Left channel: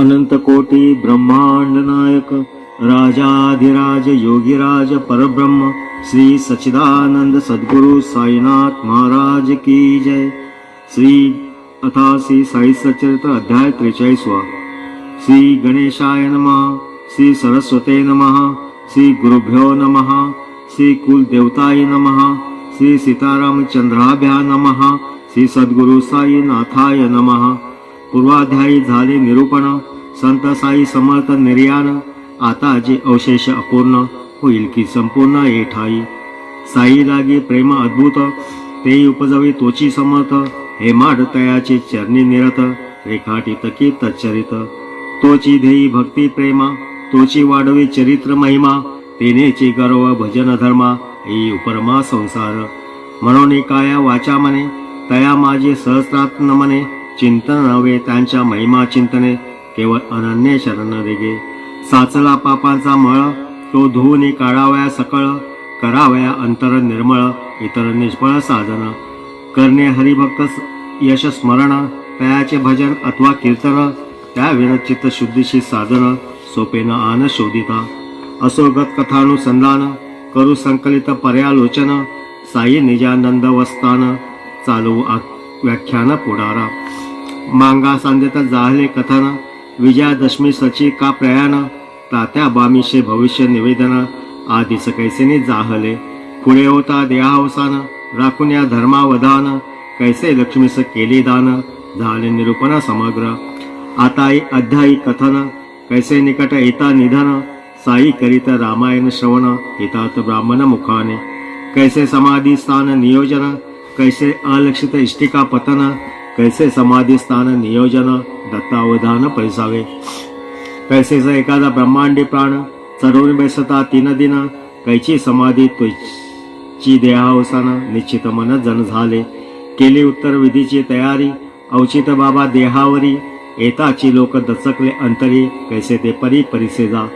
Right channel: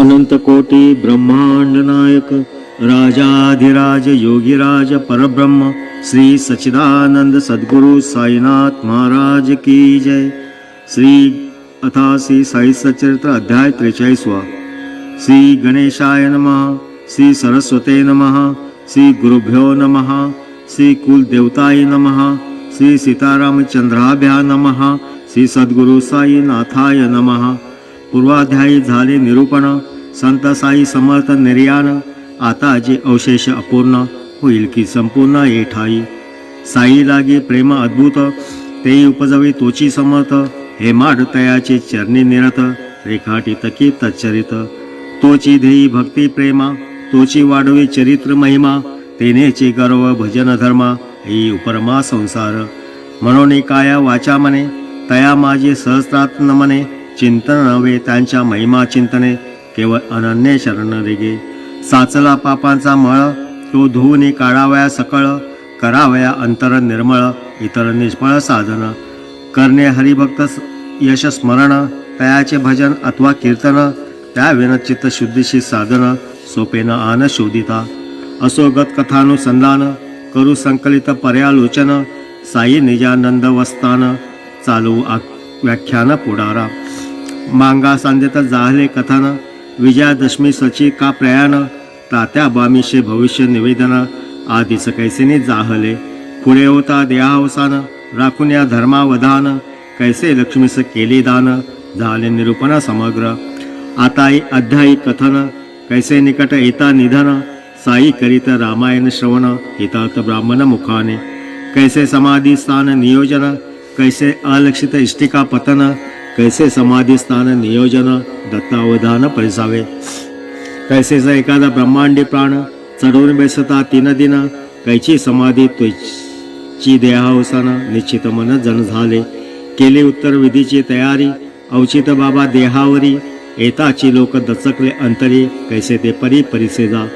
अनंत कोटी ब्रह्मांड नायक राजाधिराज योगीराज परब्रह्म श्री सच्चिदानंद सद्गुरु साईनाथ महाराज की जय। श्री अथा श्री साई सच्चरित्र अध्याय 43। श्री गणेशाय नमः। श्री सरस्वते नमः। श्री गुरुभ्यो नमः। श्री कुलदेवताय नमः। श्री सीतारामचंद्राभ्या नमः। श्री सद्गुरु साईनाथाय नमः। पूर्वाध्यायी झाले निरूपण। संत साई समर्थ निर्याण। आता जे अवशेष अपूर्ण होईल की संपूर्ण येठाई। साई लागे प्रेम अद्भुत ते उपजवे तोची समर्थ। हे माड तयाचे चरणी निरत रेखाटित की तच्चरित। तोची ध्येयी भक्ती प्रेमा तोची वाढवे चरित्र महिमा। तेनेचे गर्व भजन धर्मा ही उपरमा संसार। म्हणून काया वाचा मने तया माझे सहस्रात नमने। चिंतन नव्हे त्यांच्या महिमा चिंतने केवळ अनन्य शरण रेगे। साचला पापांचा मळ तो धुवून काढावया सकळ। करावया अंतर निर्मळ इतर निष्फळ साधन। करणे हरिभक्त यश स्मरण तयाचे भजन अथवा कीर्तन। त्या विन चित्त शुद्धीशी साधन सोपेन आन शोधिता। असोगत कथानुसंधान करू संकलित पर्यालोचन। साई निजानंद वस्तान चालू व्याख्यान पुढारा। मांगा सांदेत जाहले कथन विजयादशमी सची का प्रयाण। तात्या बामीशे भविष्य निवेदन आधीच कैसेने जाहले। पुढे होता देहावसान राखून या धर्मावधान। कैसे लक्ष्मीस केले दान झाले निरूपण समग्र। आता अध्यायी कथन कैसे निकट येता निधन। साई करीत रामायण श्रवण हितात ब्राह्मण मुखाने। कैसे समाधी स्थान नियोजन कैसे अलक्षित इष्टिका पतन। कैसे समाधी स्थान नियोजन दत्तावधान परिसावे। कैसे एखादा ब्रह्मांडी प्राण चढवून बेसता तीन दिन। कैची समाधी त्वची देहावसान निश्चित मन जन झाले। केली उत्तर विधीची तयारी औचित बाबा देहावरी। येताची लोक दचकले अंतरी कैसे ते परी परिसेजा।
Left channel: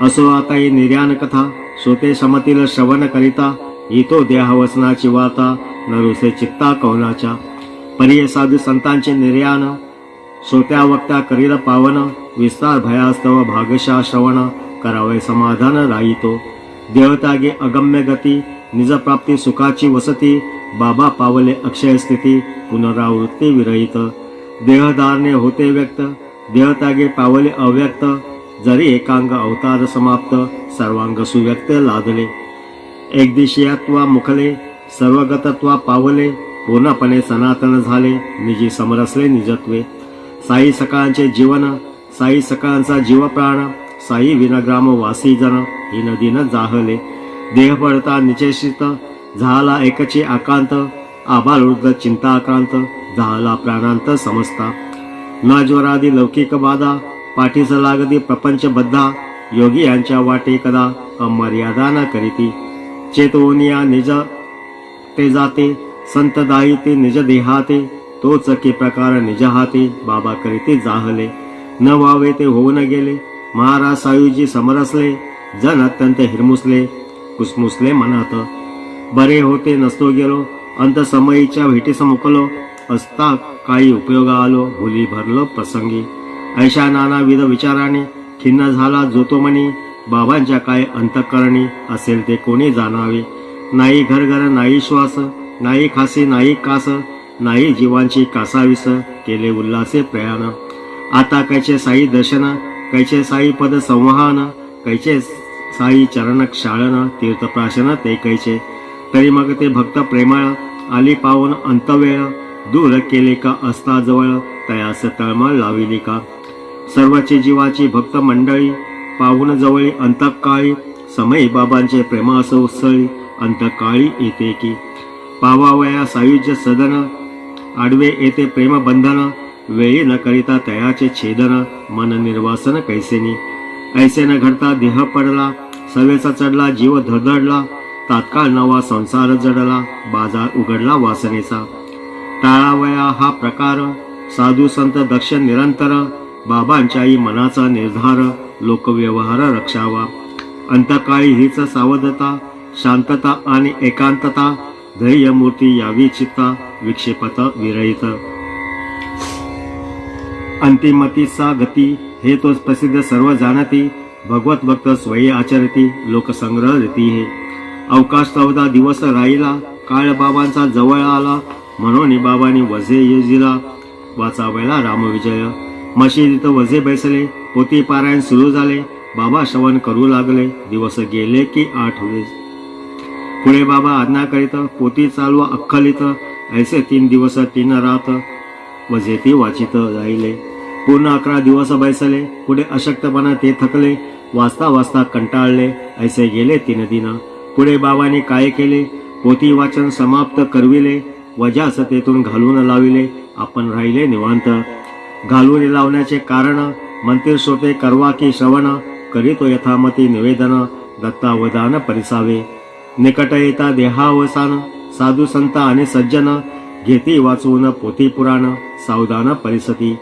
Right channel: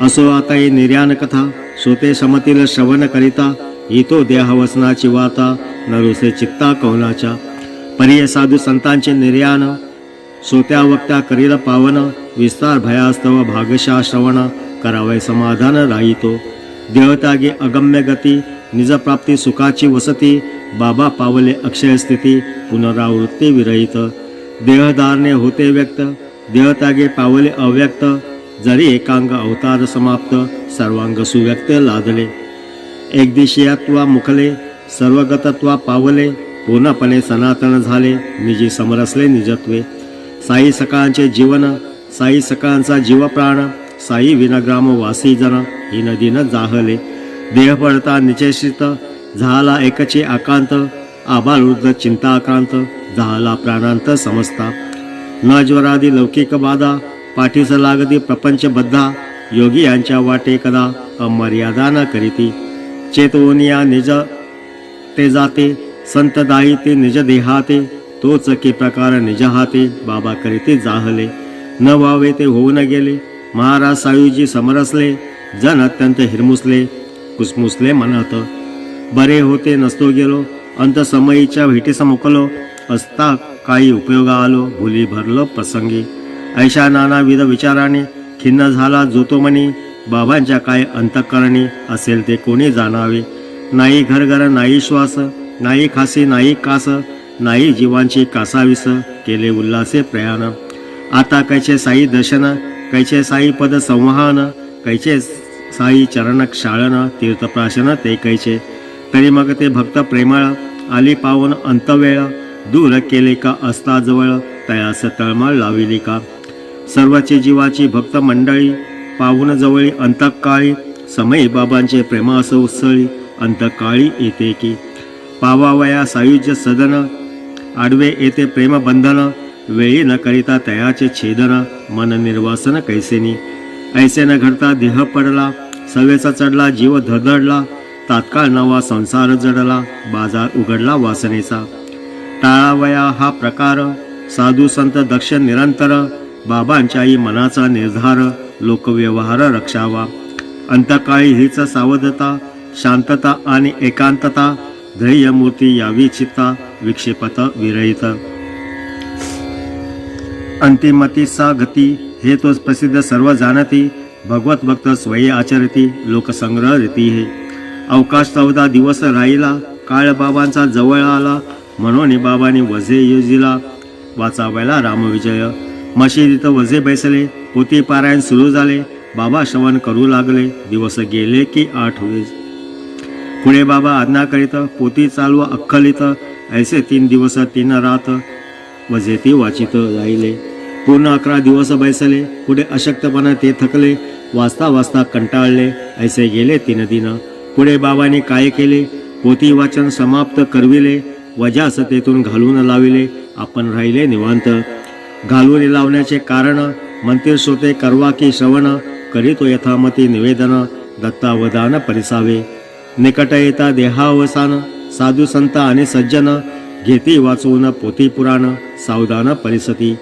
असो आता ही निर्याण कथा श्रोते समतील श्रवण करिता। ही तो देहावसनाची वार्ता नरुसे चित्ता कवनाच्या। परिय साधू संतांचे निर्याण श्रोत्या वक्त्या करील पावन। विस्तार भयास्तव भागशा श्रवण करावे समाधान राहितो। देवतागे अगम्य गती निजप्राप्ती सुखाची वसती। बाबा पावले अक्षय स्थिती पुनरावृत्ती विरहित। देहधारणे होते व्यक्त देवतागे पावले अव्यक्त। जरी एकांग अवतार समाप्त सर्वांग सुव्यक्त लादले। एकदिशीयत्वा मुखले सर्वगतत्वा पावले। पूर्णपणे सनातन झाले निजी समरसले निजत्वे। साई सकाळांचे जीवन साई सकाळांचा जीव प्राण। साई विनग्राम वासी जन ही नदीनं जाहले। देह पडता निचेषित झाला एकचे आकांत। आबालवृद्ध चिंताक्रांत झाला प्राणांत समजता। न ज्वरादी लौकिक बाधा पाठीस लागती प्रपंच बद्धा। योगी यांच्या वाटे कदा अमर्यादा न करीती। चेतवनिया निज ते जाते संत दाई ते निज देहाते। तोच की प्रकार निज हाते बाबा करीते जाहले। न व्हावे ते होऊन गेले महाराज सायूजी समरसले। जन अत्यंत हिरमुसले कुसमुसले मनात। बरे होते नसतो गेलो अंत समयीच्या भेटीस मुकलो। असता काही उपयोगा आलो भुली भरलो प्रसंगी। ऐशा नानाविध विचाराने खिन्न झाला जो तो मनी। बाबांच्या काय अंतःकरणी असेल ते कोणी जाणावे। नाही घरघर नाही श्वास नाही खासी नाही कास। नाही जीवांची कासावीस केले उल्हासे प्रयाण। आता कैचे साई दर्शन कैचे साई पद संवहन। कैचे साई चरण क्षाळन तीर्थप्राशन ते कैचे। तरी मग ते भक्त प्रेमळ आली पावन अंतवेळ। दूर केले का असता जवळ तयास तळमळ लाविली का। सर्वची जीवाची भक्त मंडळी पाहून जवळी अंतकाळी। समय बाबांचे प्रेमास उत्सळी अंतकाळी येते की। पावावया सायुज्य सदन आडवे येते प्रेम बंधन। वेळी न करिता तयाचे छेदन मन निर्वासन कैसेनी। ऐसे न घडता देह पडला सवेचा चढला जीव धडधडला। तात्काळ नवा संसार जडला बाजार उघडला वासनेचा। टाळावया हा प्रकार साधू संत दक्ष निरंतर। बाबांच्याही मनाचा निर्धार लोकव्यवहार रक्षावा। अंतकाळी हीच सावधता शांतता आणि एकांतता। ध्येय मूर्ती यावी चित्ता विक्षेपत विरहित। अंतिमतीचा गती हे तोच प्रसिद्ध सर्व जाणती, भगवत भक्त स्वयी आचरती, लोकसंग्रह रीती हे. अवकाश 14 दिवस राहिला, काळ बाबांचा जवळ आला, म्हणून बाबांनी वजे योजिला, वाचावायला रामविजय. मशिदीत वजे बैसले, पोथी पारायण सुरू झाले, बाबा श्रवण करू लागले. दिवस गेले की 8 वेळ. पुढे बाबा आज्ञा करीत, पोथी चालवा अख्खलित, ऐसे 3 दिवस 3 रात वजे ती वाचित राहिले. पूर्ण 11 दिवस बैसले. पुढे अशक्तपणा ते थकले, वाचता वाचता कंटाळले. ऐसे गेले 3 दिन. पुढे बाबांनी काय केले, पोथी वाचन समाप्त करविले, वजास तेथून घालून लाविले. आपण राहिले निवांत. घालून लावण्याचे कारण, मंदिर श्रोते करवा की श्रवण, करीतो यथामती निवेदन, दत्तावधान परिसावे. निकट येता देहावसान, साधू संत आणि सज्जन, घेती वाचवून पोथी पुराण, सावधान परिसती.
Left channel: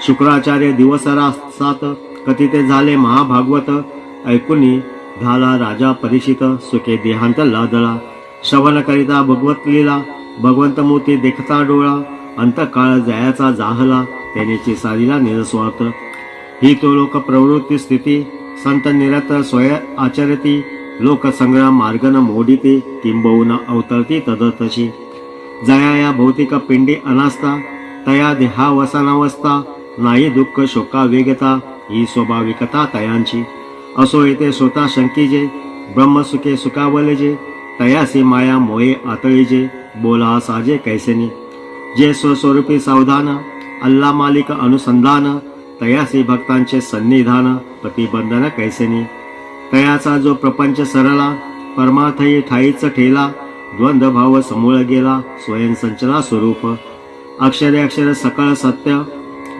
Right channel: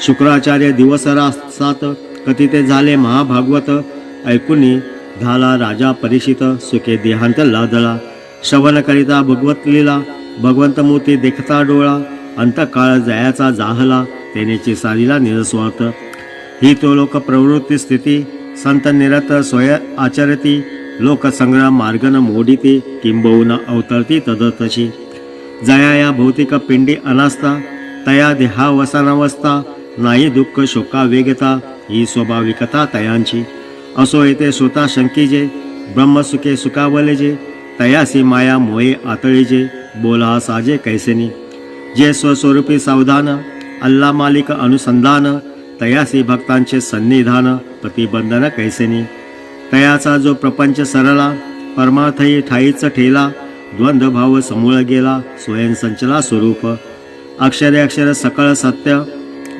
शुक्राचार्य दिवस 7 कथिते झाले महाभागवत, ऐकुनी झाला राजा परीक्षित, सुखे देहांत लादला. श्रवण करिता भगवत लीला, भगवंत मूर्ती देखता डोळा, अंतकाळ जयाचा जाहला, त्यानेची सारीला निरस्वार्थ. ही तो लोक प्रवृत्ती स्थिती, संत निरत स्वय आचरती, लोकसंग्रह मार्गन मोडिते, किंबहुना अवतरती तदतशी. जया या भौतिक पिंडी अनास्ता, तया देहावसानावस्था, नाही दुःख शोका वेगता, ही स्वाभाविकता तयांची. असो येते स्वतः शंकीजे, ब्रह्मसुखे सुखावलेजे, तयासी माया मोये आतळीजे, बोला साजे कैसेनी. जे स्वस्वरूपी सावधान, अल्ला मालिक अनुसंधान, तयासी भक्तांचे सन्निधान, प्रतिबंधन कैसेनी. तयाचा जो प्रपंच सरला, परमार्थही ठाईच ठेला, द्वंद्व भाव समूळ गेला, स्वयं संचला स्वरूप. अक्षरे अक्षर सकळ सत्य,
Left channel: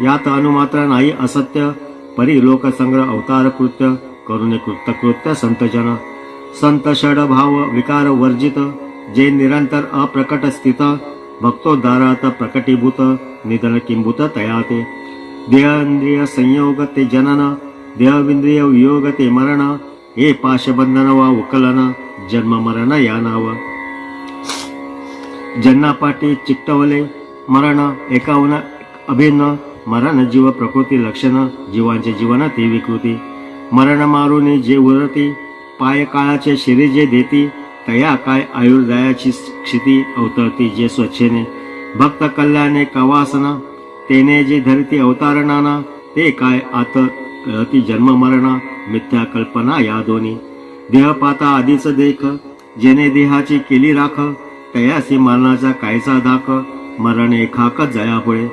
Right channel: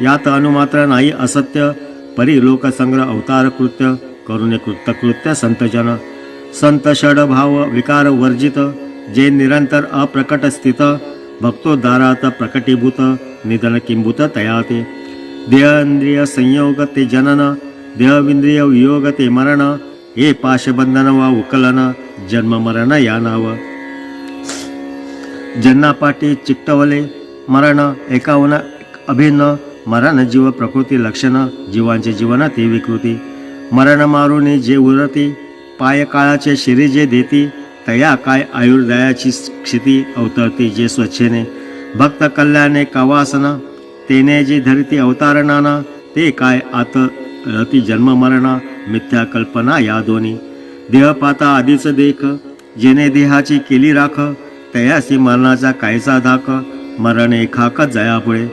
यात अनुमात्र नाही असत्य, परी लोकसंग्रह अवतार कृत्य, करुणे कृत्य संतजन. संत षड भाव विकार वर्जित, जे निरंतर अप्रकट स्थित, भक्तोद्धारात प्रकटीभूत, निधन किंभूत तयाते. देहेंद्रिय संयोग ते जनन, देहविंद्रिय वियोग ते मरण, हे पाशबंधन वा उकलन, जन्म मरण या नाव. जन्नापाठी चिकटवले मरण, एकाहून अभिन्न, मरण जीव प्रकृती लक्षण, जीवांचे जीवन ती विकृती. मरण मारुनी जे उरती, पाय काळाचे शिरी जे देती, तया काय आयुर्दयाची क्षिती, अवतरती जे स्वच्छेने. भक्त कल्याणे कवासना, तेने जे धरती अवतारणाना, ते काय आत रती जन्म मरणा, मिथ्या कल्पना या दोन्ही. देहपाता आधीच देख, जेने देहाची केली राख, तयासी मरणाचा कायचा धाक, मरण एखाक जयापुढे.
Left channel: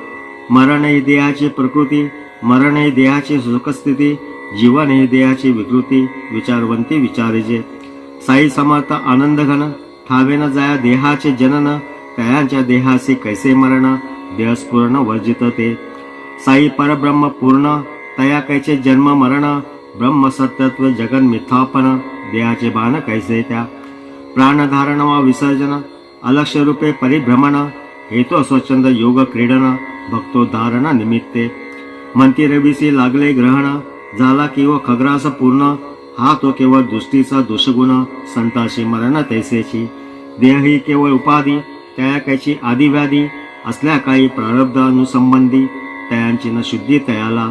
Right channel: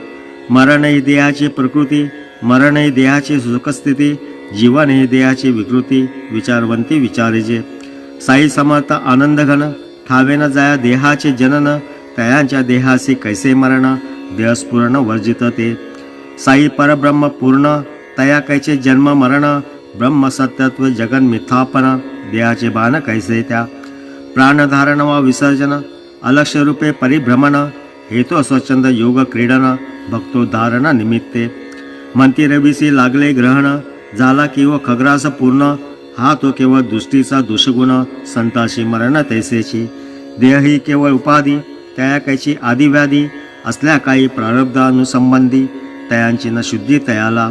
मरण ही देहाची प्रकृती, मरण ही देहाची सुखस्थिती, जीवन ही देहाची विकृती, विचारवंती विचारिजे. साई समर्थ आनंद घन, ठावेन जाया देहाचे जनन, तयांच्या देहासी कैसे मरण, देहस्फुरण वर्जित ते. साई परब्रह्म पूर्ण, तया कैचे जन्म मरण, ब्रह्म सत्यत्व जगन मिथ्यापन, देहाचे बाण कैसे त्या. प्राणधारण वा विसर्जन, अलक्ष रूपे परिभ्रमण, हेतु स्वच्छंद योग क्रीडन, भक्तोद्धारण निमित्ते. मंती रवीसी लागले ग्रहण, झाला किंवा खग्रास पूर्ण, हा तो केवळ दृष्टीचा दोषगुण, संताशी मरण तैसेची. देह ही केवळ उपाधी, तया कैची आदिव्याधी, असल्या काही प्रारब्धानुसंबंधी, तयांची न शुद्धी तयाला.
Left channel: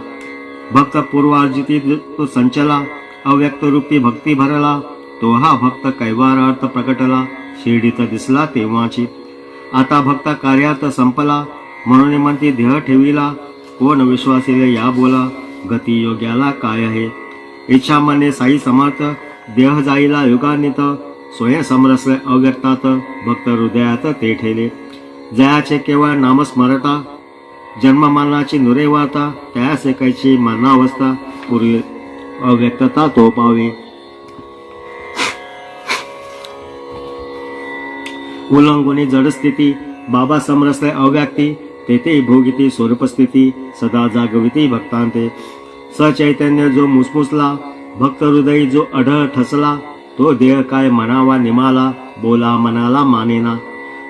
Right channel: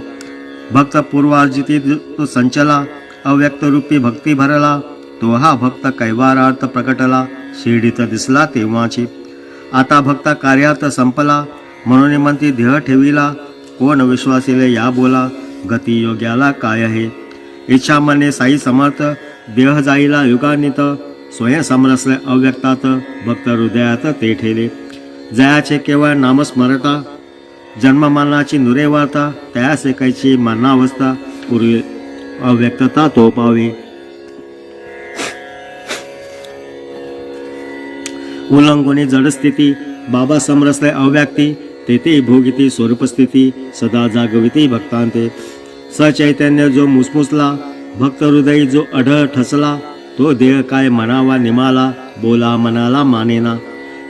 भक्त पूर्वार्जिती तो संचला, अव्यक्त रूपी भक्ती भरला, तो हा भक्त कैवारार्थ प्रकटला, शिर्डीत दिसला तेव्हाची. आता भक्त कार्यात संपला, म्हणून म्हणती देह ठेविला, कोण विश्वासिले या बोला, गती योग्याला काय आहे. इच्छा मने साई समर्थ, देह जाईला युगानित, स्वयं समरसले अव्यक्तात, भक्त हृदयात ते ठेले. जयाचे केवळ नामस्मरता, जन्म मरणाची नुरे वार्ता, त्यासे कैची मरणावस्था, पूर्वी अव्यक्तता तो पावे. उल्लंघनी जडस्थिती, बाबा समरसले अव्यक्ती, तेथे भोगिती स्वरूपस्थिती, सदा जागविती भक्तांते. सचैतन्य जो मुसमुसला, भक्त हृदयी जो अढळ ठसला, तो देह काय म्हणावा निमाला, बोला मनाला मानेना.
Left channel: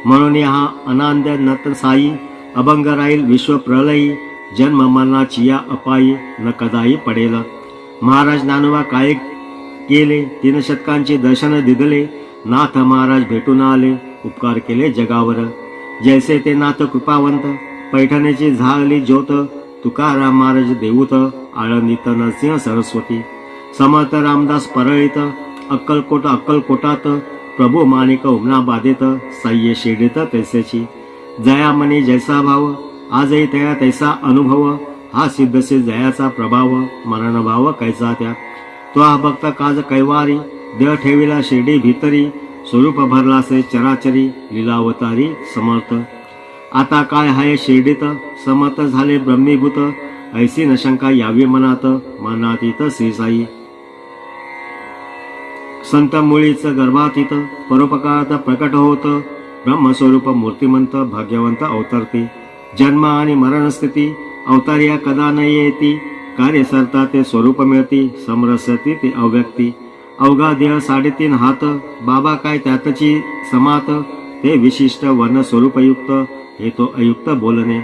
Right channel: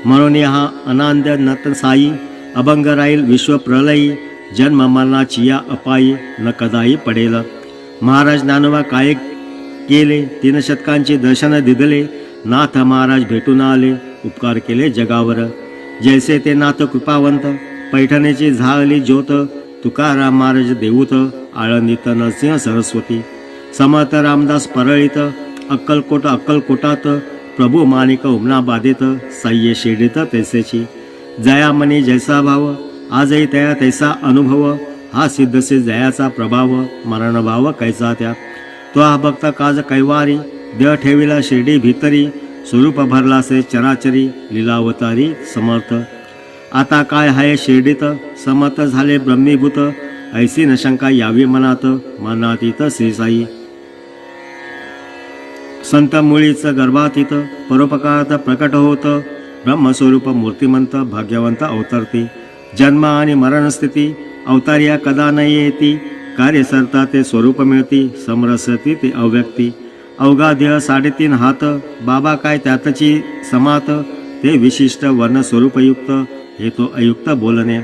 म्हणून हा अनांद नत साई, अभंग राहील विश्व प्रलयी, जन्म मरणाची या अपायी, न कदाही पडेल. महाराज ज्ञानोबा काय केले, 3 शतकांचे दर्शन दिदले, नाथ महाराज भेटून आले, उपकार केले जगावर. जैसे ते नाथ कृपावंत, पैठणीची झाली ज्योत, तुकाराम महाराज देऊत, आळंदीत नरसिंह सरस्वती, समर्थ रामदास परळीत, अक्कलकोटात प्रभू माणिक उमना बाधेत, साह्य शिर्डीत तैसेची, जया मनी जैसा भाव, आजही तया तैसा अनुभव, हा सिद्धसे जयाचा प्रभाव, मरण भाव कैसा त्या, तो हा भक्त काज कैवारी, देह ठेविला शिर्डी भितरी, स्वरूप भरलासे चराचरी, लीलावतारी समर्थ, आता काय हाय शिर्डीत, समर्थ झाले ब्रह्मीभूत, ऐसी न शंका यावी मनात, मनातीत श्रीसाई, संत मुळीच गर्भातीत, परोपकारात प्रकट होत, ब्रह्मस्वरूप मूर्तिमंत, भाग्यवंत अवतरती, जन्म आणि मरण स्थिती, अवतार्या कदा न येती, कार्य सरता ते स्वरूप मिळती, समरसती ते अव्यक्ती, अवघा देह 3.5 हात, बाबा काय त्यातची समात, ते विशिष्ट वर्ण स्वरूपयुक्त, हे तो अयुक्त बोलणे,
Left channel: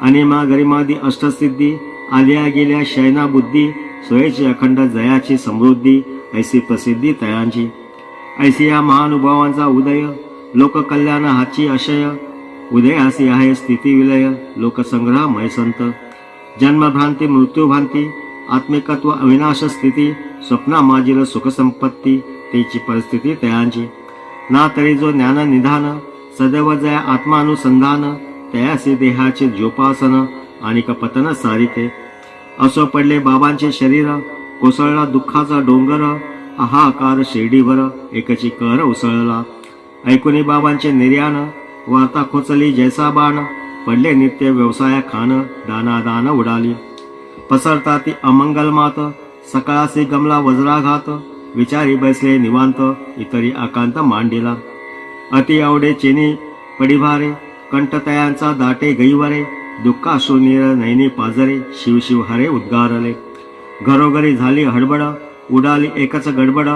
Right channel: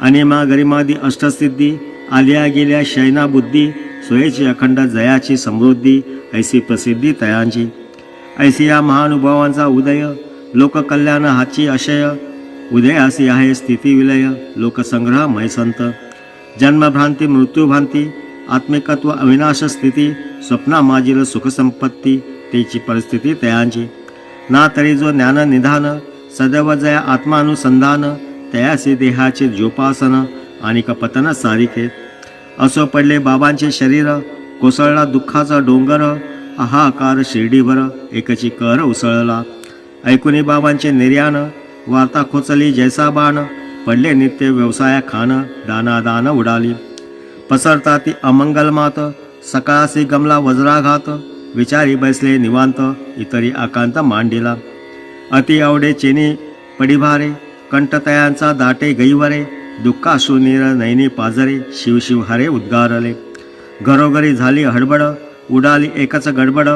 अनिमा गरिमादी अष्टसिद्धी, आल्या गेल्या शयना बुद्धी, सोयेची अखंड जयाची समृद्धी, ऐसी प्रसिद्धी तयांची, ऐसी या महानुभावांचा उदय, लोककल्याण हाची आशय, उदयासी आहे स्थिती विलय, लोकसंग्रह मैसंत, जन्मभ्रांती मृत्यूभ्रांती, आत्मिकत्व अविनाश स्थिती, स्वप्ना माजील सुखसंपत्ती, तेची परिस्थिती तयांची, ना तरी जो ज्ञान निधान, सदैव जया आत्मानुसंधान, तयासी देहाचे जोपासन, आणि कपतन सारिके, असो पडले बाबांचे शरीर, कोसळला दुःखाचा डोंगर, हाहाकार शिर्डीवर, एकची कर उसळला, ऐकुनी बाबांचे निर्याण, वार्ता खोचली जैसा बाण, पडले नित्य व्यवसाया खान, दानादान उडाली, पसरता ती अमंगल मात, सकाळासी गमला वज्राघात, विचारी बैसले निवांत, इतरी आकांत मांडिला, अति आवडे चेनी पडिभारे, कंठतयांचा दाटे गैवरे, दुःखाश्रू नीर नैनी पाजरे, शिवशिव हरे उद्गारले, घरोघरी झाली हडबड, उडाली एकच गडबड,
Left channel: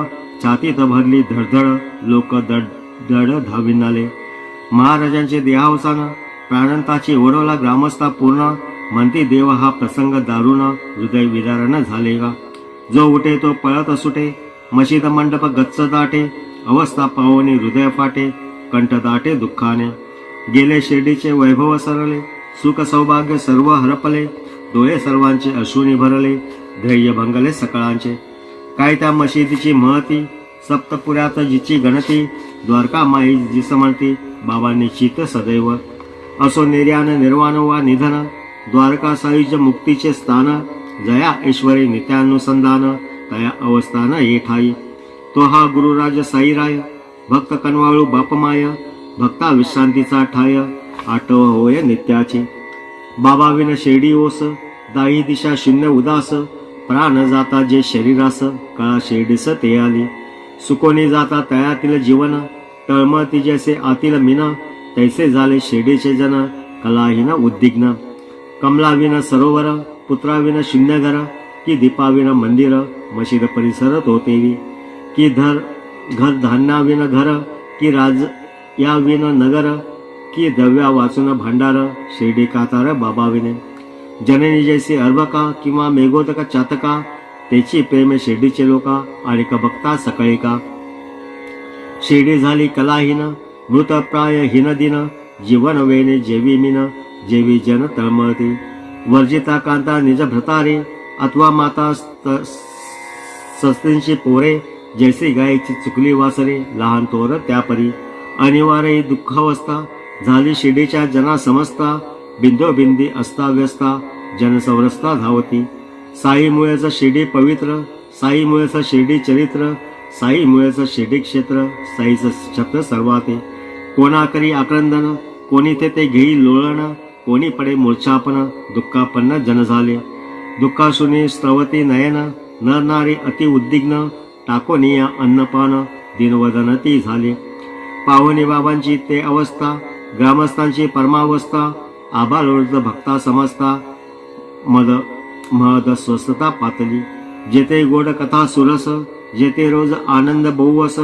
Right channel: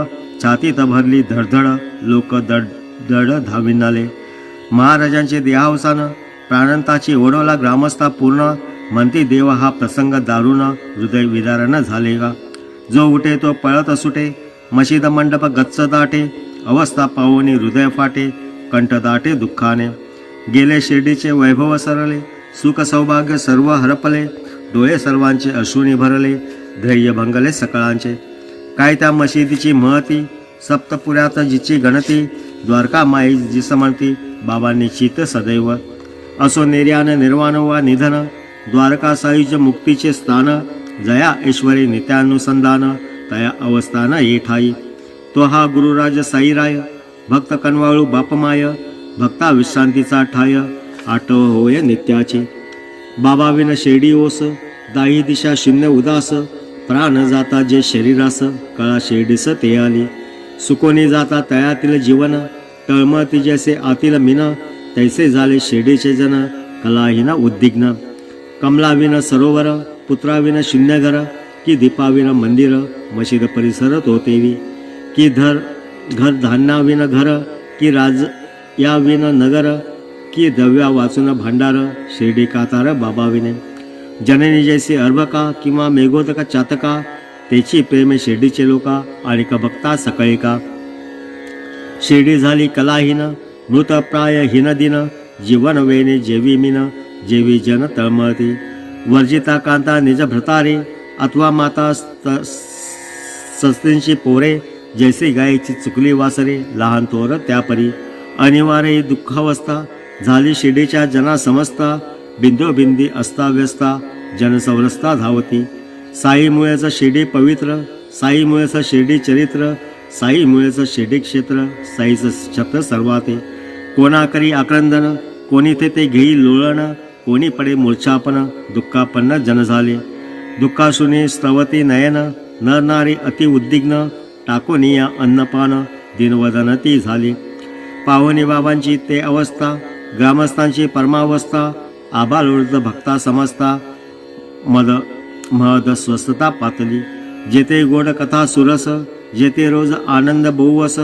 छातीत भरली धडधड, लोक दड धाविनाले, महाराजांचे देहावसान, प्राणंताची ओढवला ग्रामस्था पूर्ण, म्हणती देव हा प्रसंग दारुण, हृदय विदारण झाले का, जो उठे तो पळत सुटे, मशीद मंडप गच्च दाटे, अवस्था पावनी हृदय फाटे, कंठ दाटे दुःखाने, गेले शिर्डीचे वैभव सरले, सुख सौभाग्य सर्व हरपले, डोळे सर्वांचे अश्रूनी भरले, ध्येय भंगले सकळांचे, काय त्या मशिदीची महती, सप्तपुऱ्यात जिची गणती, द्वारका माई जिस म्हणती, बाबांनी चित सदैव, असो निर्यान निर्वाण वा निधन, द्वारका सायुज मुक्तीचे स्थान, जया ऐश्वरी नित्यानुसंधान, तया अवस्थान ये ठाई, तो हा गुरुराज साईराय, भक्त कनवाळू बापमाय, भक्ता विश्रांतीचा ठाय, आठव होय नित्याचे, बाबा विन शेडी ओस, दाही दिशा शून्य उदास, प्राण जाता जे शरीरास, कळा शेडीस ते आली, सुकोनी जाता तयातील जीवन, तळमळती जैसे आतील मिन, तैसे झाले शेडीचे जन, कलाहीन उद्विग्न, कमलाविन सरोवर, पुत्राविन शून्य घर, की दीपाविन मंदिर, मशीद परिसर तोतेवी, की घर धान्याविन घर, की राज याविन नगर, की दव्या वाचून भांडार, शिर्डी कातार बाबाविने, जननी जैसी अर्भका किंवा मेघोदका चातका, तेची प्रेमे शिर्डीचे लोका, आणि का भक्ता सकळी का, शिर्डी झाली कलाहीन, मृतप्राय हीन दिन, जीवन वेणे जेवी मीन, जेवी जन तळमळती, वर्जिता कांता निज भ्रतारे, अथवा माता सस्तींची पोरे, जैसे गायची चुकली वासरे, लहान तोर त्यापरी, अनिवार्य दुःखावस्था, झाली शिर्डीच्या जना समजता, बिंदोबिंदी अस्ताव्यस्ता, जनसंवरस्ता धावती, साईमुळेच शिर्डी पवित्र, साईमुळेच शिर्डी चरित्र, साईमुळेच शिर्डी क्षेत्र, साईचं छत्र सर्वाते, कोणाकरी आक्रंदन, कोणी ते घेई लोळण, कोणी पडे मूर्छापन, दुःखापन्न जन झाले, दुःखाशुनी स्त्रवती नयन, नर नारी अति उद्विग्न, टाकोनिया अन्नपान, दिनवदन ती झाली, पाहुणी बाबांची ते अवस्था, ग्रामस्थांची परमावस्था, आबालोर्ध भक्ता समजता, महद स्वस्थता पातली, जेथे गोड कथा सुरस, जेथे रोज आनंद बहुवस,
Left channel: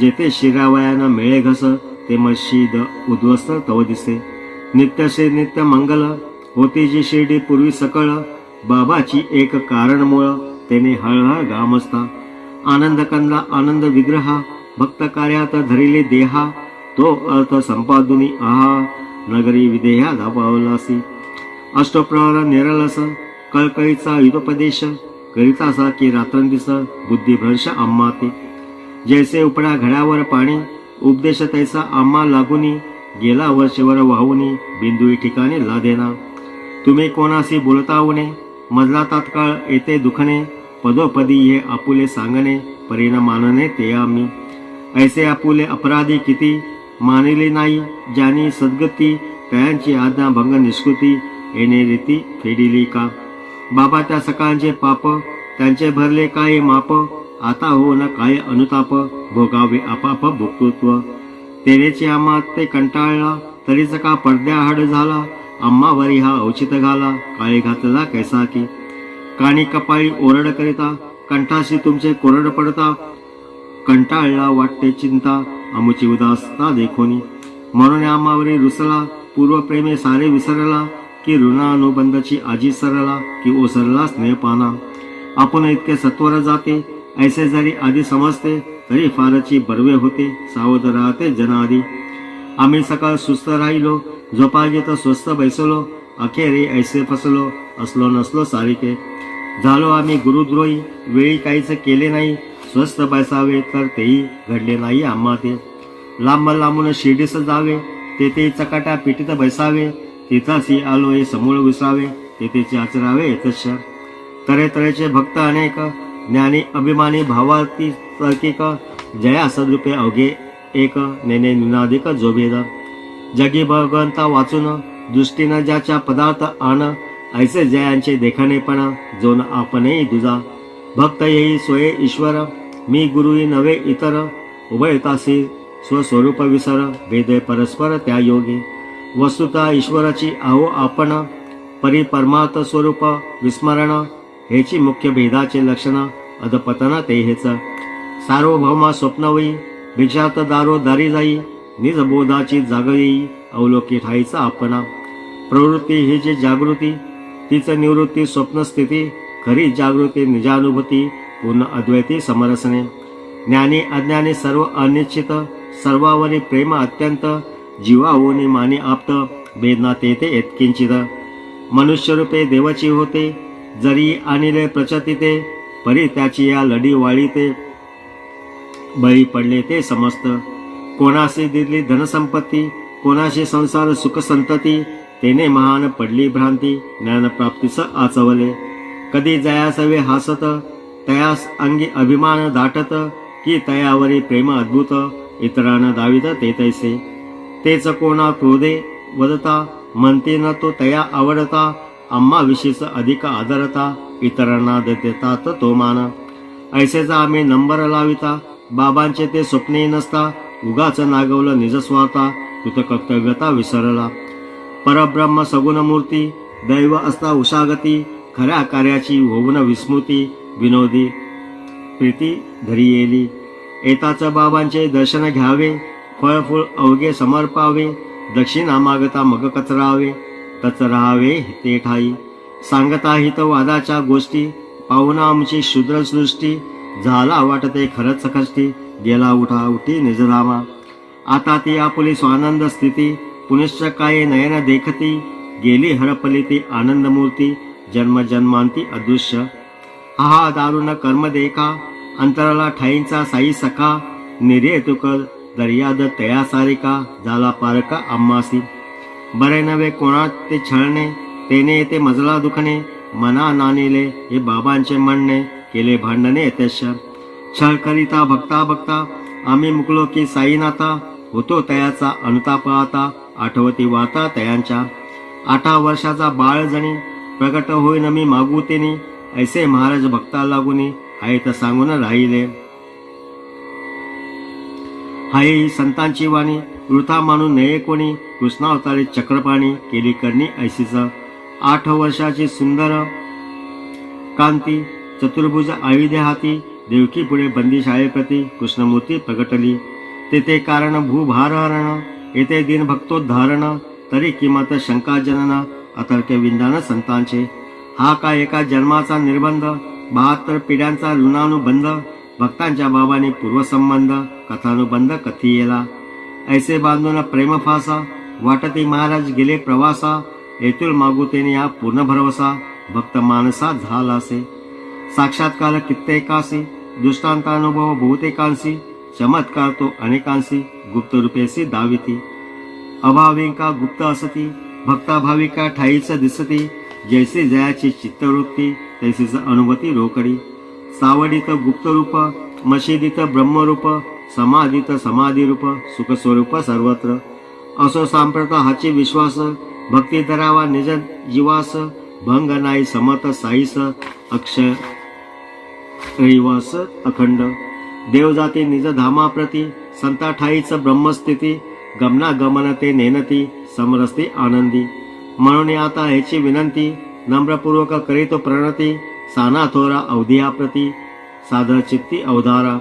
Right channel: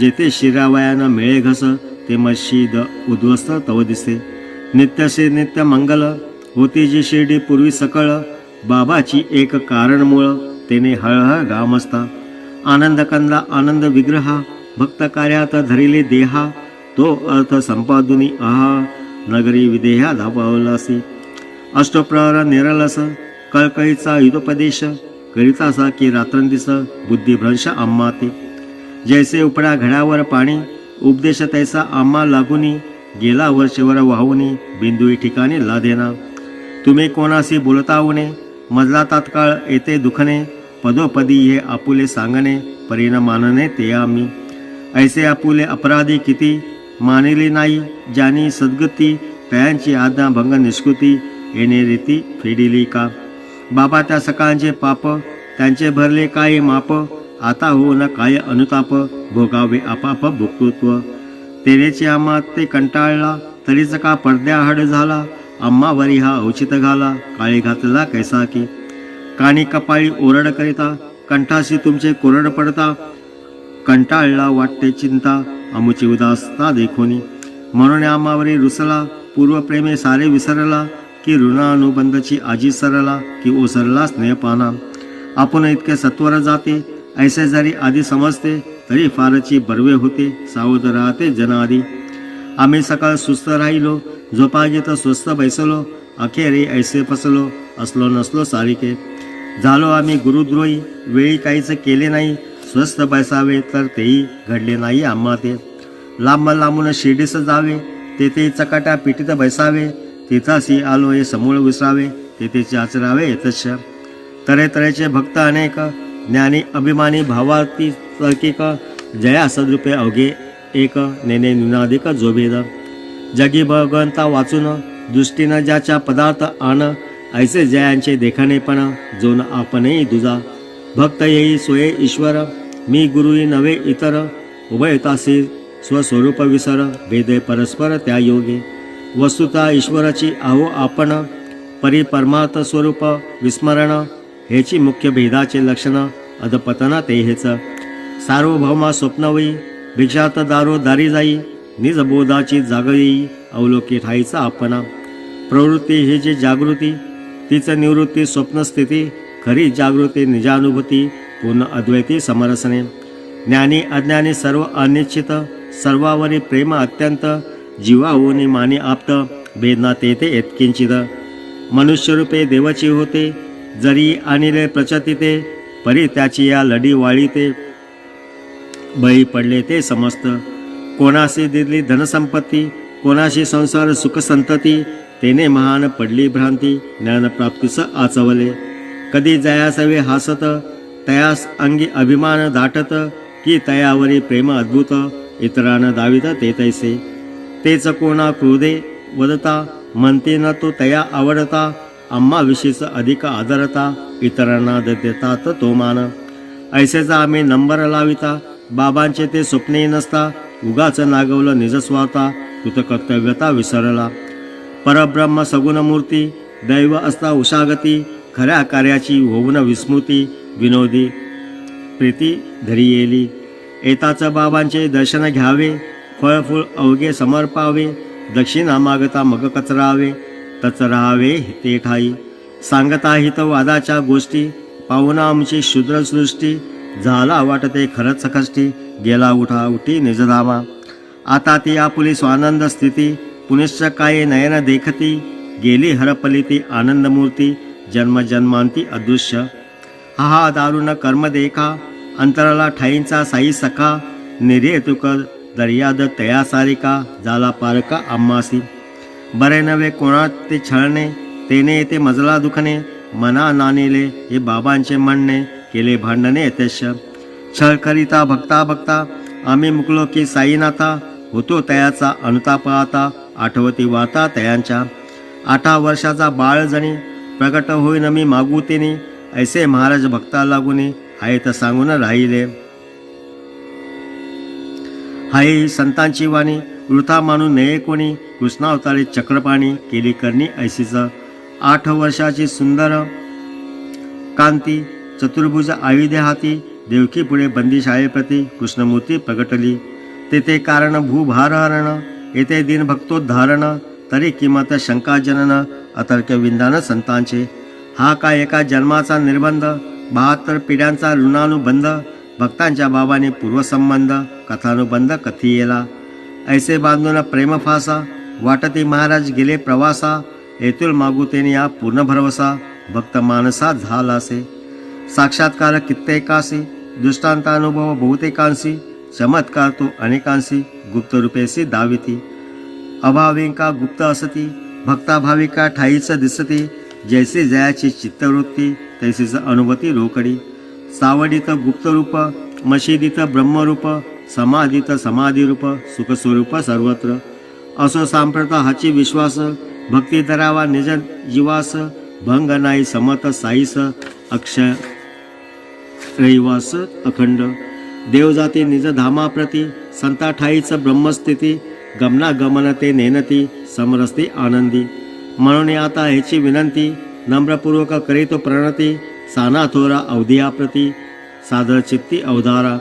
जेथे शिरावयानं मिळे घस, ते मशीद उद्ध्वस्त तव दिसे, नित्यसे नित्य मंगल, होती जी शिर्डी पूर्वी सकळ, बाबाची एक कारण मूळ, तेने हळहळ गामस्ता, आनंद कंदा आनंद विग्रहा, भक्त कार्यात धरिले देहा, तो अर्थ संपादुनी आहा, नगरी विदेहा धापावलासी, अष्टप्रहर निरलस, कळकळीचा हितोपदेश करीतासा की रात्रंदिस बुद्धिभ्रंश आम्हा ते. जैसे उपडा घड्यावर पाणी उपदेश तैसा आम्हा लागुनी गेला वर्षवर वाहुनी बिंदुई ठिकाणी लादेना. तुम्ही कोणाशी बोलता उणे मजला तात्काळ येते दुखणे पदोपदी हे आपुले सांगणे परीन मानणे ते आम्ही. ऐसे आपुले अपराधी किती मानिले नाही ज्यांनी सद्गती तयांची आज्ञा भंग निष्कृती येणे रीती फेडिली का. बाबा त्या सकाळचे पाप त्यांचे भरले काय माप आता हो न काय अनुताप भोगावे आपाप भोक्तृत्व. तेरेची आम्हा ते कंटाळला तरीच का पडद्याआड झाला आम्हावरी हा औचित घाला काळी घातला कैसा की. कानी कपाळी ओरड करिता कंठाशी तुमचे कोरड पडता कंटाळला वाटते चिंता अमुची उदासता देखोनी. म्हणून आम्हावरी रुसला पूर्वप्रेमे सारे विसरला की ऋणानुबंधची आजी सरला की ओसरला स्नेहपाना. आपण इतके सत्वर जाते ऐसे जरी आधी समजते तरी फारची बर्वे होते सावध राहते जनादी. आम्ही सकाळ सुस्त राहिलो झोपा घेत स्वस्त बैसलो अखेरे ऐसे फसलो असलो नसलो सारिके. झालो आम्ही गुरुद्रोही वेळी काहीच केले नाही स्वस्त बैसावे तर तेही घडले नाही आम्हा ते. लांब लांबून शिर्डीस जावे तेथे चकाटा पिटीत बैसावे तिथाशी आलो हे समूळ विसरावे तेथेचे आचरावे येतच. तऱ्हेतऱ्हेचे भक्त अनेक ज्ञानी अभिमानी भावार्थी तर्किक जया सद्रूपे अवघे एक नेने नुनादिक जोभेद. जगी भगवंता वाचून दृष्टीनं ज्याच्या पदार्थ आण ऐसे जयांचे देखणेपण जोन आपणही दुजा. भक्त येई सोये ईश्वर मी गुरुई नवे इतर उभयतासी स्वस्वरूप विसर भेदे परस्पर त्या योगी. वस्तुता ईश्वराची आहो आपण परी परमार्थ स्वरूप विस्मरण हेची मुख्य भेदाचे लक्षण अधपतन ते हेच. सार्वभौमा स्वप्नवयी भिक्षात दारो दारी जाई निजबोधाची जाग येई अवलोकी ठाईचा आपणा. प्रवृत्ती ही जी जागृती तीच निवृत्ती स्वप्नस्थिती खरी जागृती निजानुभूती पूर्ण अद्वैती समरसने. ज्ञानी अज्ञानी सर्व अनिश्चित सर्वावरी प्रेम अत्यंत जीवाओनी मानी आप्त भेदना तेथे येतकिंचित. मनुष्यरूपे देवाची होते जरी आणिले प्रचतिते परी त्याची या लढी वाळीते बळी पडले ते समस्त. कोणाशी दिली धनसंपत्ती कोणाशी संसार सुखसंतती तेने महान पडली भ्रांती ज्ञानप्राप्तीस आचवले. कधी जयासवे हासत तयास अंगी अभिमान दाटत की तयावरी प्रेम अद्भुत इतरांना दावित ते तैसे. तेच कोणा क्रोधे वदता म्हणते न तो तया आवडता आम्हा विषयीच अधिक आदरता इतरांना देतात तो मान. ऐसेचा आम्ही नंबर लाविता बाबांचे ते स्वप्ने नसता उगाच नागवलं निजस्वार्था कृतकर्तव्यता विसरला. परब्रह्म सगुण मूर्ती दैव असता उषागती खऱ्या कार्याची होऊन विस्मृती विनोदी प्रीती धरी येली. येताच बाबांचे दर्शन घ्यावे फळफूळ अवघे समर्पावे दक्षिणा मागता मग कचरावे तच राहावे ते ठाई. सांगता हित वादाच्या गोष्टी पाहुणा आमची शूद्रसृष्टी झाला वाटते खरंच कष्टी गेला उठा उठी निजधामा. आता ती आपुली स्वानंद स्थिती पुनिश्च काय नयन देखती गेली हरपली ती आनंदमूर्ती जन्मजन्मांती अदृश्य. हा दारुण कर्म देखा अंतराला ठाईंचा साई सखा निरे तुक दर्याद तया सारिका झाला पारका आम्हासी. बरे नव्हे कोणात ते छळणे तेने येते मजला दुखणे मना नानेले हे बाबांचे म्हणणे केले भांडणे यथेश. छळ करिता भक्ता भक्ता आम्ही मुकलो की साईनाथा होतो तयाचा अनुताप आता आठवती वार्ता तयांच्या. 8 वर्षाचा बाळ जणी प्रकट होईन मी मागू तेनी ऐसे महाराज भक्ता लागुनी आहेत सांगून राहिले. हाय संतांची वाणी वृथा मानू नये कोणी कृष्णावतारे चक्रपाणी केली करणी ऐसीच. 8 वर्षाची सुंदर कांती चतुर्भुज आयुधे हाती देवकी पुढे बंदी शाळेप्रती कृष्णमूर्ती प्रगटली. तेथे कारण भूभारहरण येथे दिन भक्तोद्धारण तरी किंमत शंकाजनन अतर्क विंदान संतांचे. हा काय एका जन्माचा निर्बंध 72 पिढ्यांचा ऋणानुबंध भक्तांच्या बाबाने पूर्वसंबंध कथानुबंध कथियेला. ऐसे बांधून प्रेमफासा वाटती महाराज गेले प्रवासा येथील मागुतेने या पूर्ण भरवसा भक्त मानसात झालासे. साक्षात्कार कित्येकासी, दृष्टांतानुभव बहुतेकांसी, चमत्कार तो अनेकांसी, गुप्त रूपेसी दाविती. अभाविका गुप्त असती, भक्ताभाविका ठाईच दिसती. जैसे जयाची चित्तवृत्ती, तैसीच अनुभूती रोकडी. सावडीत गुप्तरूप, मशिदीत ब्रह्मरूप, समाधीत समाधिरूप, सुखस्वरूप सर्वत्र. असो सांप्रत हाची विश्वास, भक्ती धरावा निज जीवास. भंग नाही समत साईस, अक्षय रहिवास अखंड. देव जाते निज धामाप्रती, संता ठाईच ब्रह्मस्थिती. गमना गमन ते नेनती, समरस्ती आनंदी. म्हणून आता ह्याची विनंती, नम्रपूर्वक करीतो प्रणती. साना थोरा अवधियाप्रती, सादर चित्ती अवधारा.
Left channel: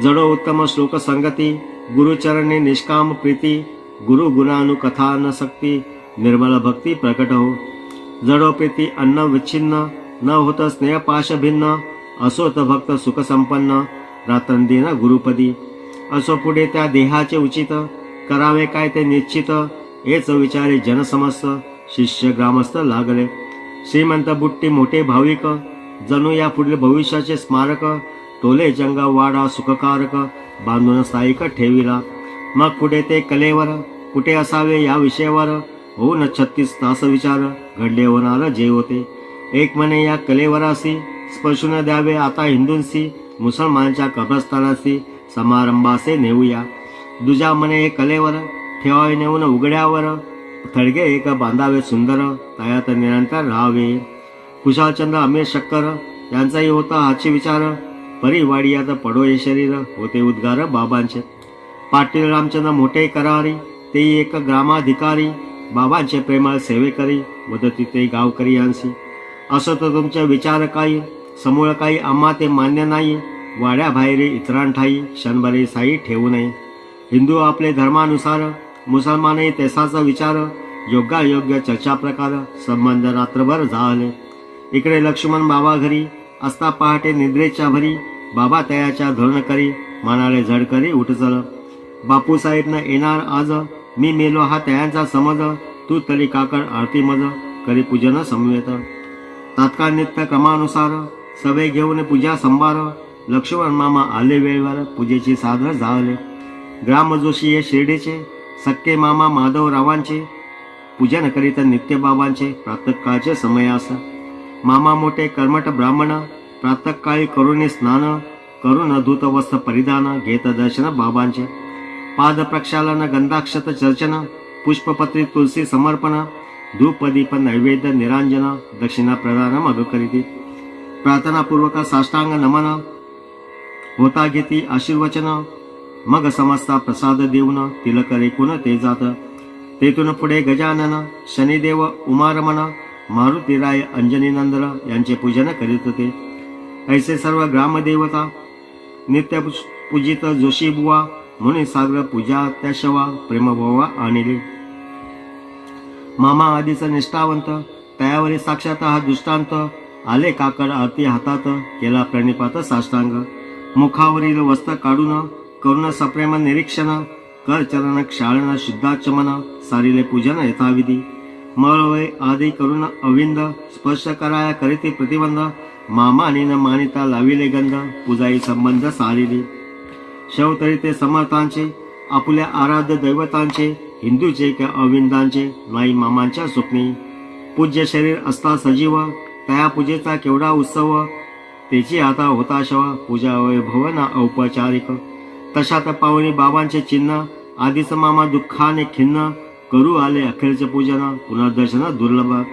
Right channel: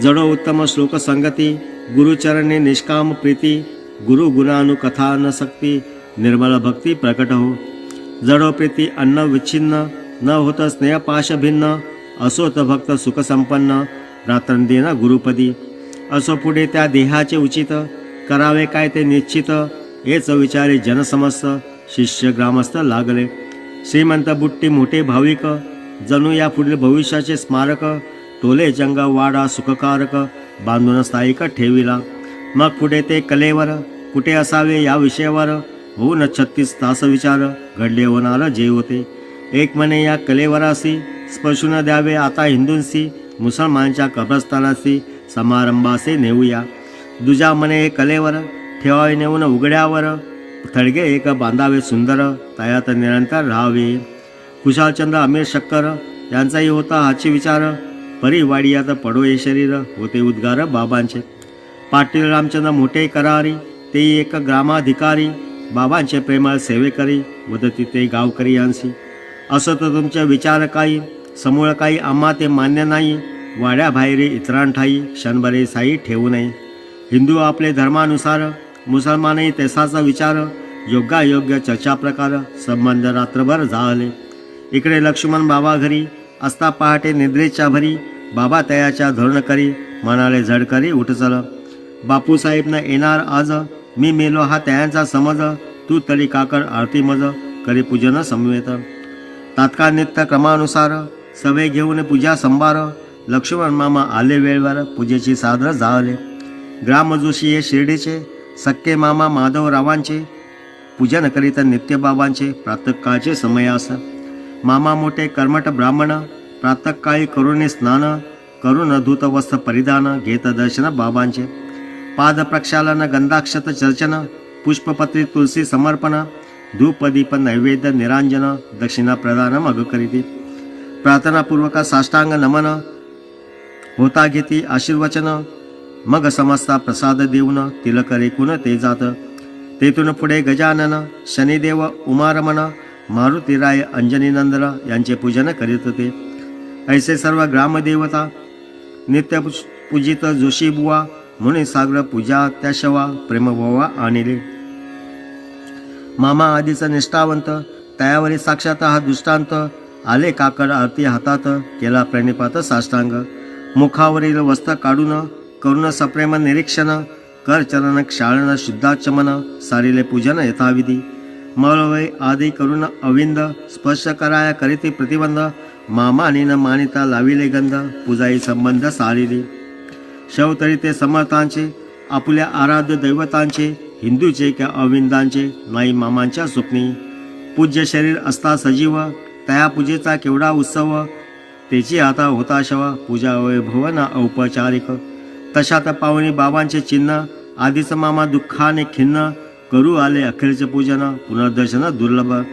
जडो उत्तम श्लोक संगती, गुरुचरणे निष्काम प्रीती. गुरु गुणानुकथानसक्ती, निर्मल भक्ती प्रकट हो. जडो प्रीती अन्न विच्छिन्न, न होत स्नेहपाश भिन्न. असोत भक्त सुखसंपन्न, रात्रंदिन गुरुपदी. असो पुढे त्या देहाचे उचित, करावे काय ते निश्चित. हेच विचारे जनसमस्त, शिष्य ग्रामस्थ लागले. श्रीमंत बुट्टी मोठे भाविक, जणू या पुढील भविष्याचे स्मारक. टोले जंग वाडा सुखकारक, बांधून स्थायिक ठेविला. मग पुढे ते कलेवर, कुठे असावे या विषयावर. होऊन 36 तास विचार, घडले होणार जे होते. एक म्हणे या कलेवरासी, स्पर्शून द्यावे आता हिंदूंसी. मुसलमानच्या कब्रस्तानासी, समारंभासे नेऊया. दुजा म्हणे हे कलेवर, ठेवावे नेऊन उघड्यावर. थडगे एक बांधावे सुंदर, तयात निरंतर राहावे. कुशालचंद्र अमीर शक्कर यांचाही होता हाची विचार. परिवाडियात पडो हे शरीर, होते उद्गार बाबांचे. पाटील रामचंद्र मोठे करारी, तेही एक ग्रामाधिकारी. बाबांचे प्रेमळ सेवेकरी, मदती ते गावकरी यांसी. असं तर तुमचे विचार काही, समूळ काही आम्हा ते मान्य नाही. वाड्या बाहेरी इतरांठाई, क्षणभरे साई ठेवू नये. हिंदू आपले धर्मानुसार, मुसलमानही तेसाचा विचार. योगायोग्य चर्चा प्रकार, संबंध रात्रभर झाले. इकडे लक्ष्मण बाबा घरी असता पहाटे निद्रेच्या भरी. बाबा तयाच्या धोरण करी, म्हणाले झडकरी उठ चल. बापूसाहेब न येणार आज, मी मेलो हा त्यांचा समज. तू तरी काकड आरती मज, करी पूजन समवेत. तात्काळ नित्य क्रमानुसार, सवे घेऊन पूजा संभार. लक्ष्मण मामा आले वेळेवर, पूजेची साधन झाले. ग्राम जोशी हे शिर्डीचे, सक्के मामा माधवरावांचे. पूजन करीत नित्य बाबांचे, प्रातःकाळचे समयास. मामा मोठे कर्मठ ब्राह्मण, प्रातःकाळी करुणे स्नान. करून धूत वस्त्र परिधान, घेत दर्शन बाबांचे. पाद प्रक्षालन गंधाक्षत चर्चन, पुष्पपत्री तुलसी समर्पण. धूप दीप नैवेद्य निरांजन, दक्षिणा प्रदान मग करीती. प्रार्थनापूर्वक साष्टांग नमन, होता घेती आशीर्वचन. मग समजता प्रसाद देऊन, तिलक रेकून ते जात. तेथून पुढे गजानन, शनिदेव, उमारमन, मारुतीराय, अंजनीनंदन यांचे पूजन करीत होते. ऐसे सर्व ग्रामदेवता नित्य पूजित जोशी बुवा. म्हणून सागर पूजा त्या शवा, प्रेमभावा आणले. मामा आधीचा निष्ठावंत, तयावरी साक्षात हा दृष्टांत. आले काकड आरती हातात, केला प्रणिपात साष्टांग. मुखावरील वस्त्र काढून, करुण सप्रेम निरीक्षण. कर चरण क्षाळन शुद्धाचमन, सारिले पूजन यथाविधी. मळवय आदी करून अविंद, स्पर्श कराया करीती प्रतिबंध. मामानीन मानिता लाविले गंध, पूजाई संबंध सारिली. शवतरी ते समर्थांचे, आपुल्या आराध्य दैवतांचे. हिंदूचे किंवा अविंदांचे, नाही मामांच्या स्वप्नी. पूज्य शरीर असता सजीव, तया पूजेचा केवढा उत्सव. त्याची आता होता शवा, पूजा वैभव ना औपचारिक. तशात पाहुणी बाबांचे चिन्ह, आधीच मामा दुःखाने खिन्न. करू आले अखेरचे पूजन, पुनर्दर्शन दुर्लभ.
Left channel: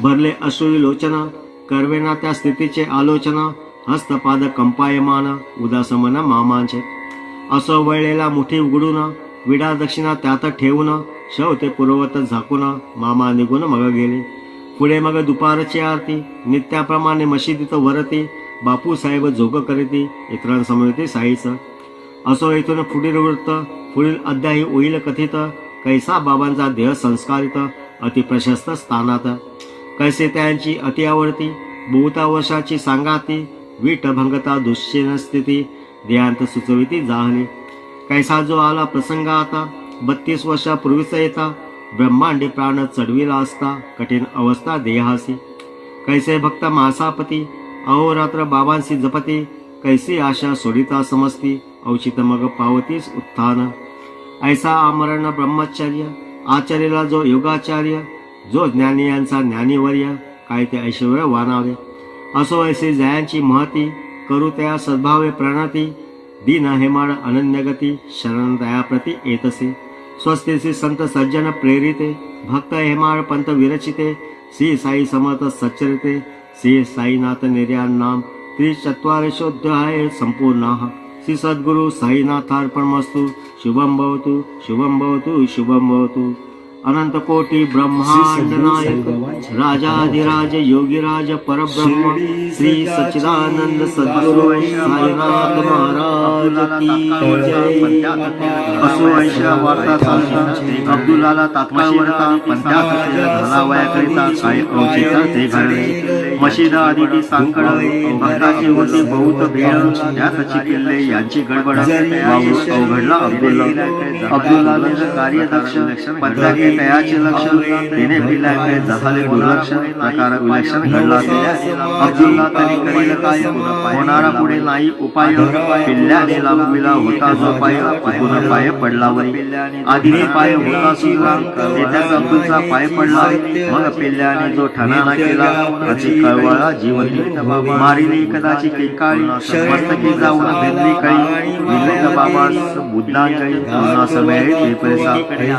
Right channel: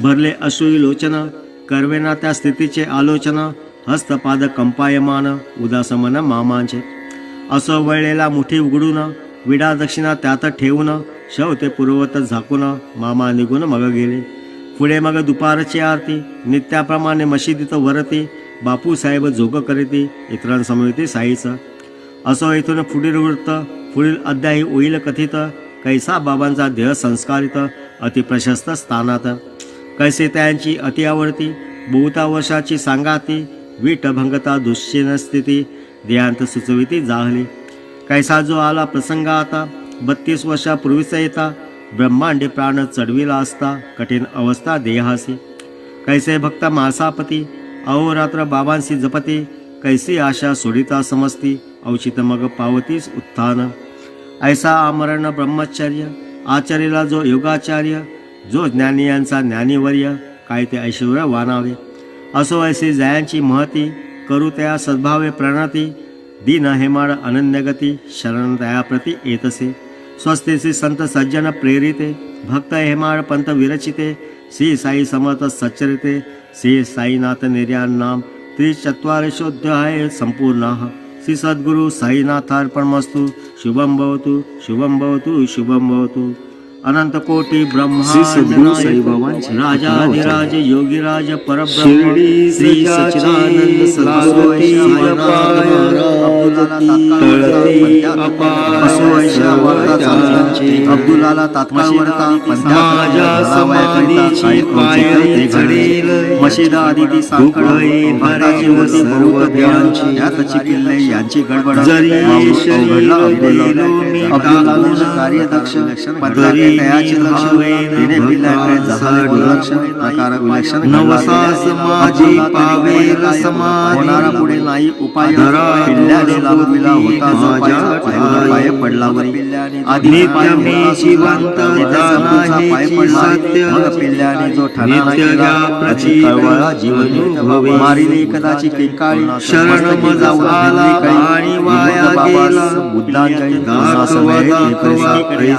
भरले अश्रू लोचन, करवेना त्या स्थितीचे आलोचन. हस्तपाद कंपायमान, उदासमन मामांचे. असो वळलेला मुठी उघडून, विडा दक्षिणा त्यात ठेवून. शव पूर्ववत झाकून, मामा निघून मग गेले. पुढे मग दुपारची आरती, नित्याप्रमाणे मशिदीत वरती. बापूसाहेब जोग करीती, इतरांसमवेती साईच. असो इथून पुढील वृत्त, पुढील अध्यायी होईल कथित. कैसा बाबांचा देह संस्कारित, अतिप्रशस्त स्थानात. कैसे त्यांची अति आवडती, बहुता वर्षाची सांगाती. वीट भंगता दुश्चिन स्थिती, देहांत सुचविती जाहली. कैसा जो आला प्रसंग आता, 32 वर्षापूर्वीच येता. ब्रह्मांडी प्राण चढविला असता, कठीण अवस्था देहासी. कैसे भक्त मासापती अहोरात्र बाबांशी जपती, कैसी आशा सोडिता समजती, औचित मग पावतीस उत्थान. ऐसा आमरण ब्रह्मचर्य आचरेला जो योगाचार्य, जो ज्ञानी यांचा ज्ञानीवर्य, काय ते ऐश्वर्य वानावे. असो ऐसे जयांची महती, करू त्या सद्भावे प्रणती, दीन हेमाळ अनन्यगती, शरण दयाप्रती येतसे. स्वस्तिसी संत सज्जन प्रेरिते, भक्त हेमाळ पंत विरचिते, श्री साई समर्थ सच्चरिते, श्री साईनाथ निर्याण नाम 43 संपूर्णाः. श्री सद्गुरु साईनाथार्पणमस्तु. शुभम भवतु शुभम भवतु शुभम भवतु. अनंत कोटी ब्रह्मांड नायक राजाधिराज योगीराज परब्रह्म श्री सच्चिदानंद सद्गुरु साईनाथ महाराज की जय. अब्दुलाला तात्काळ वरता पंथाच्या समाधीची पायरी चढेल, मशिदा आदिती साखळ भक्ताची व सर्व देवांची यातची किल्ले यांची गडबड जरी घडला. अब्दुलाला कार्यदक्ष पंथाचे तयाचे लक्ष तिने पिल्लाकडे झाले दुर्लक्ष आकार विलक्षण होणारा पुढे नाही उपाय. पिल्ल्याने लाभविला होता जो पाय पडला वरी आधी पाय पाय पडला. पिल्ल्याने जो ठराणा केला कळवळा जीवन मारिली कदाचित किंकाळी शरण बुद्धांजळी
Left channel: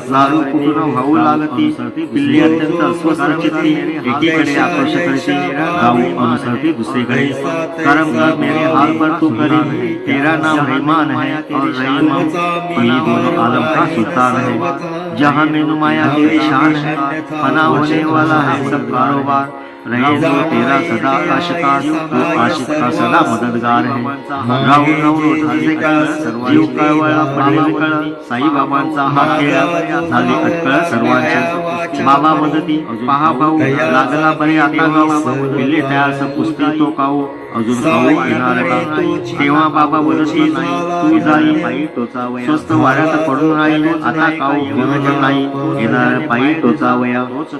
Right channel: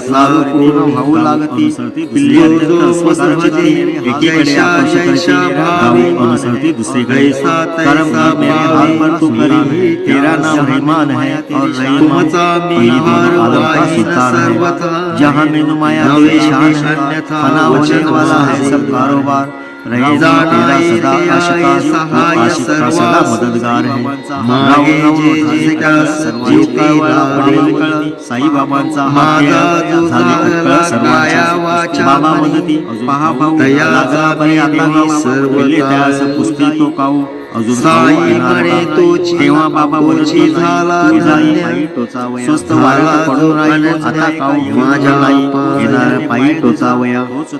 दारू पूर्ण भाऊ लागती. पिल्ली अत्यंत अस्वस्थ होती. एकीकडे अनुसरती दुसरीकडे कारण मेरे हाथ पर तू करी तेरा नाम रहमान है और आलम का सुल्तान है. जहाँ में नुमाया तेरी शान है, खाना होने वाला है सब कारोबार. रहेगा तेरा सदा आशिक का सदा मददगार है. साई बाबांचा झाली अटकळ सर्वांची. बाबा मदती पहा भाऊ लागला बरे आता सर्व त्यास पुस्ती तो काऊ तेव्हा बाबा वरची झाला स्वस्त वाऱ्याला पडून राहील आता काऊ माझ्या येणार पायी टोचावया.